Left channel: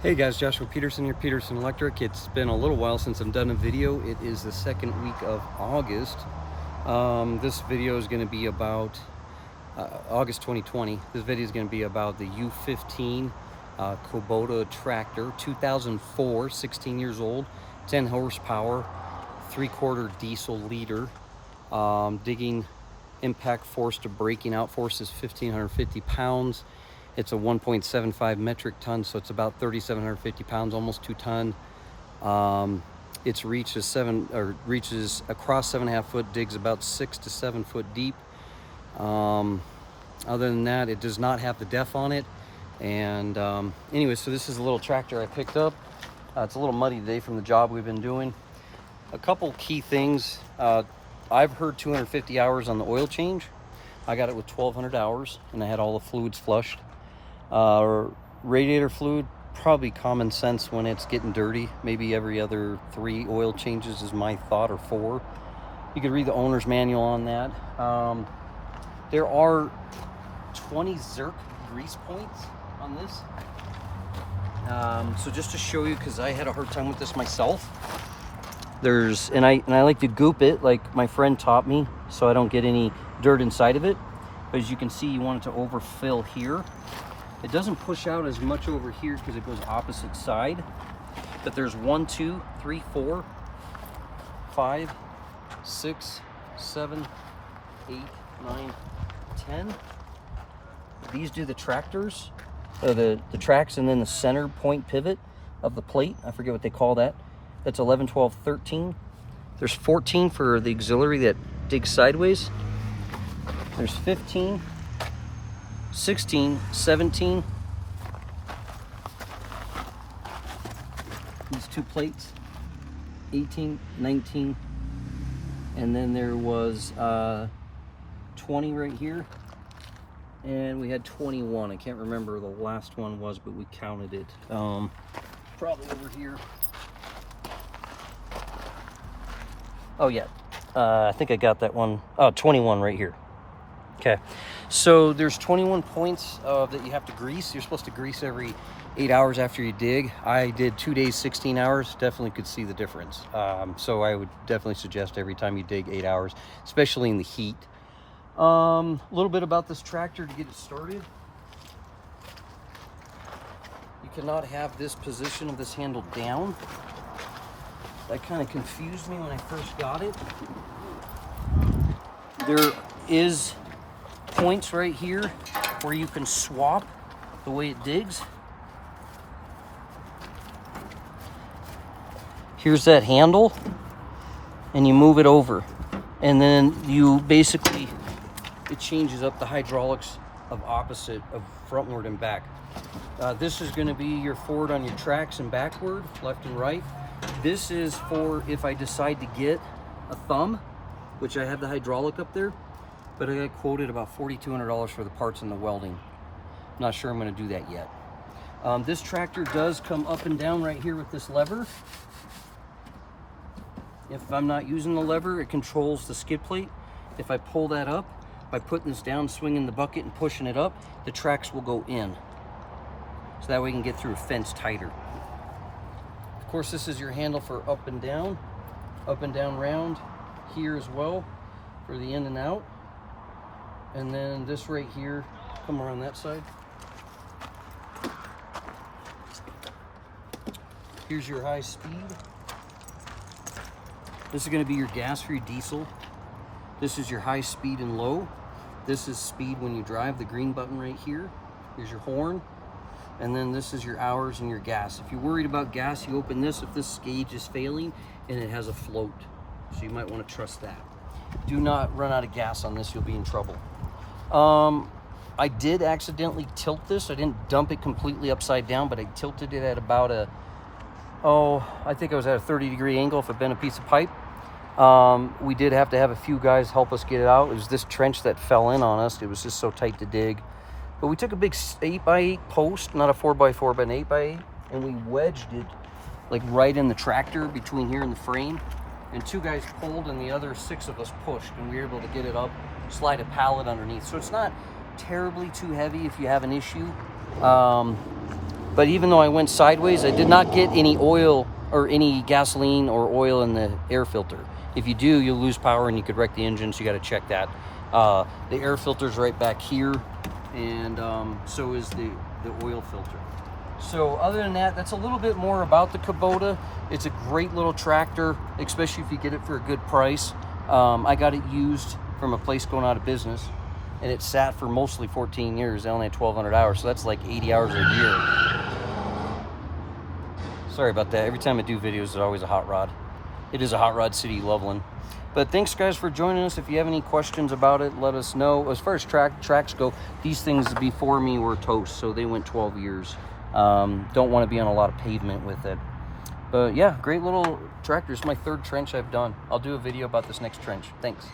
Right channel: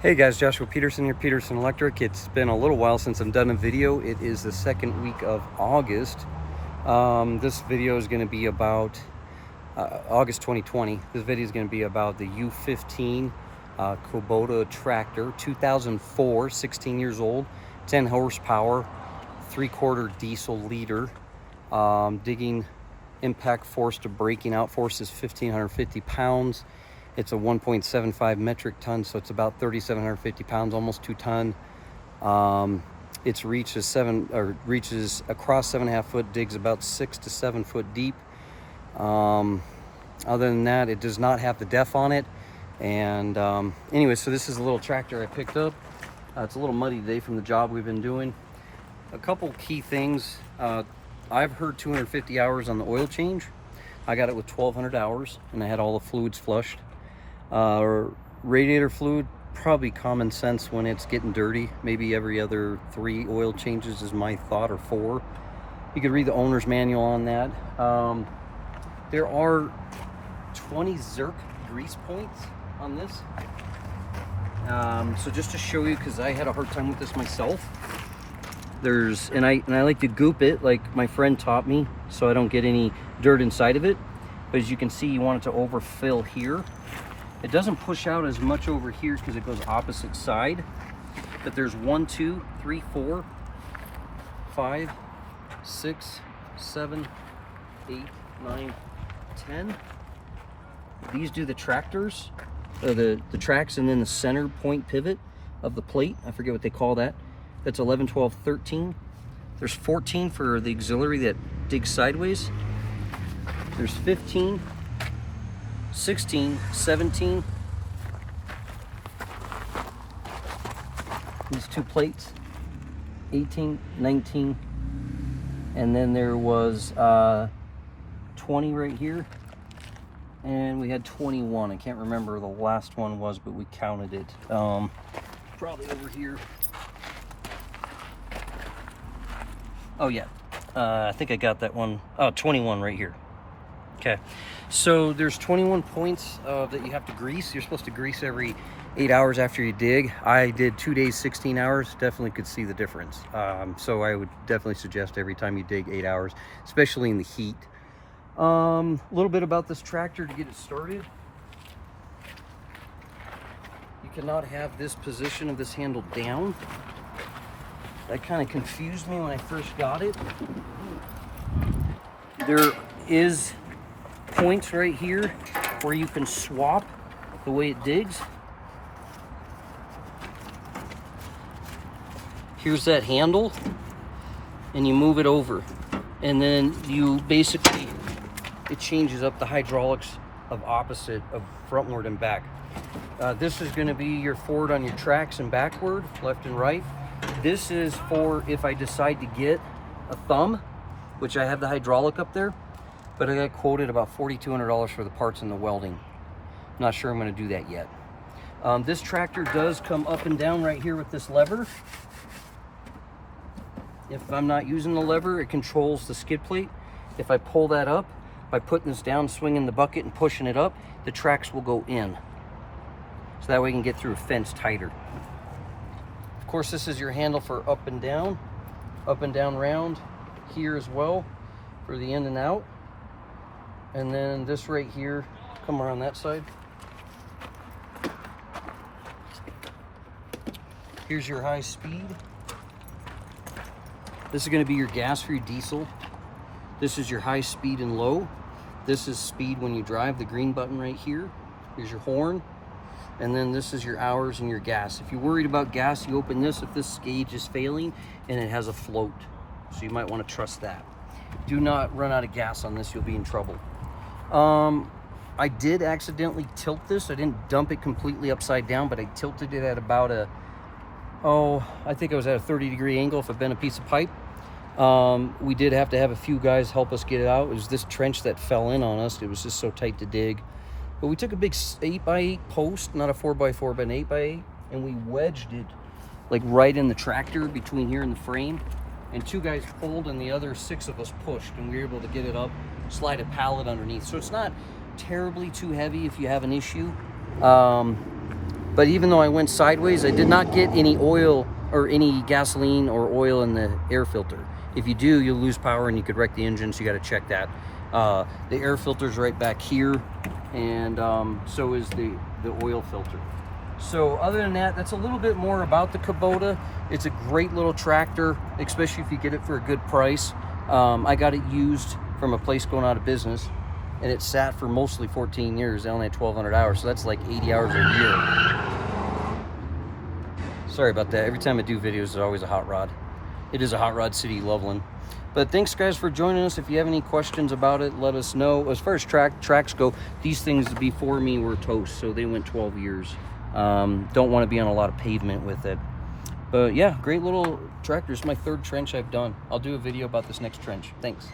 Hey guys, Joshua Peterson here, Peterson Electric. It's been a little while since I've done a video. It is the second week of August. This video is going to be about August 2020. This video is going to be about the U-15 Kubota Tractor, 2004, 16 years old, 10 horsepower, 3/4 diesel liter. Digging impact force to breaking out force is 1,550 pounds. It's a 1.75 metric ton, so it's about 3,750 pounds, almost 2 ton. Its reach is reaches across 7.5 foot, digs about 6 to 7 foot deep. Other than that, it does not have the def on it. And anyway, so this is a little tractor I picked up. It's a little muddy today from the job we've been doing. A couple key things. I've heard 250 hours on the oil change. I got it with 1,200 hours, and I had all the fluids flushed. Radiator fluid, probably common sense when it's getting dirty. Maybe every other 3 oil changes is my thought, or 4. You could read the owner's manual on that. There are 20 Zerk grease points on this. So just to show you, because I had a hard time with this myself, and I like to goop it like my friend taught me, so I don't get any dirt inside of it. But as you can see, you want it to overfill here. It doesn't push out as much over here because it goes opposite side. But there's 1, 2, 3, 4, 5, 6, 7, 8, 9, 10. These do the tractors, the tracks, and then the center point pivot of the plate. I forget what they call that. That's 11, 12, 13. There's 14 for the auxiliary that digs sideways. There's 15. 16, 17, these 2 plates, 18, 19, and then there was 20 right here, and we had 21. I can't remember the last one was, but we counted it. Probably over here. Oh yeah, I think I got that one. Oh, 21 right here. Okay, so there's 21 points that you have to grease. You're supposed to grease every 8 hours after you dig. I did 2 days, 16 hours. Definitely could see the difference. So I would definitely suggest every time you dig 8 hours, especially in the heat. A little bit about this tractor to get it started. You cannot have this position of this handle down. That kind of confused me when I first got it. There is points right here where you can swap the way it digs. Here's that handle, and you move it over, and then you basically, it changes up the hydraulics of opposite of frontward and back. This is going to be your forward on your tracks and backward, left and right. This is for if I decide to get a thumb, which I have the hydraulic up there, but I got quoted about $4,200 for the parts and the welding. I'm not sure I'm going to do that yet. This tractor does come up and down right here with this lever. If I'm not using the lever, it controls the skid plate. If I pull that up, by putting this down, swinging the bucket and pushing it up, the tracks will go in. So that way you can get through a fence tighter. Of course, this is your handle for up and down round here as well for the in and out. And then this right here, come around that side. Here's your high speed. This is going to be your gas for your diesel. This is your high speed and low. This is speed when you drive, the green button right here. Here's your horn. And then this is your hours and your gas. If you're worried about gas, you open this if this gauge is failing and it has a float. So you might want to trust that. Do not run out of gas on this, you'll be in trouble. I did accidentally tilt this. I didn't dump it completely upside down, but I tilted it at about I think I was at a 30-degree angle if it bent a piece of pipe. We did have to have a few guys help us get it out. It was this trench that fell in on us. It was just so tight to dig. But we took a big 8x8 post, not a 4x4, but an 8x8, and we wedged it like right in the tractor between here and the frame. And 2 guys pulled and the other 6 of us pushed, and we were able to get it up, slide a pallet underneath. So it's not terribly too heavy if you have an issue. But even though I went sideways, I did not get any oil or any gasoline or oil in the air filter. If you do, you'll lose power and you could wreck the engine, so you got to check that. The air filter's right back here, and so is the oil filter. So other than that, that's a little bit more about the Kubota. It's a great little tractor, especially if you get it for a good price. I got it used from a place going out of business, and it sat for mostly 14 years. I only had 1,200 hours, so that's like 80 hours a year. Sorry about that. Every time I do videos, it's always a hot rod. It is a hot rod city, Loveland. But thanks, guys, for joining us. If you have any questions about it, let us know. As far as tracks go, these things before me were toast, so they went 12 years. Don't want to be on a lot of pavement with it. But yeah, great little tractor. It's my third trench I've done. I'll do a video about this next trench. Thanks.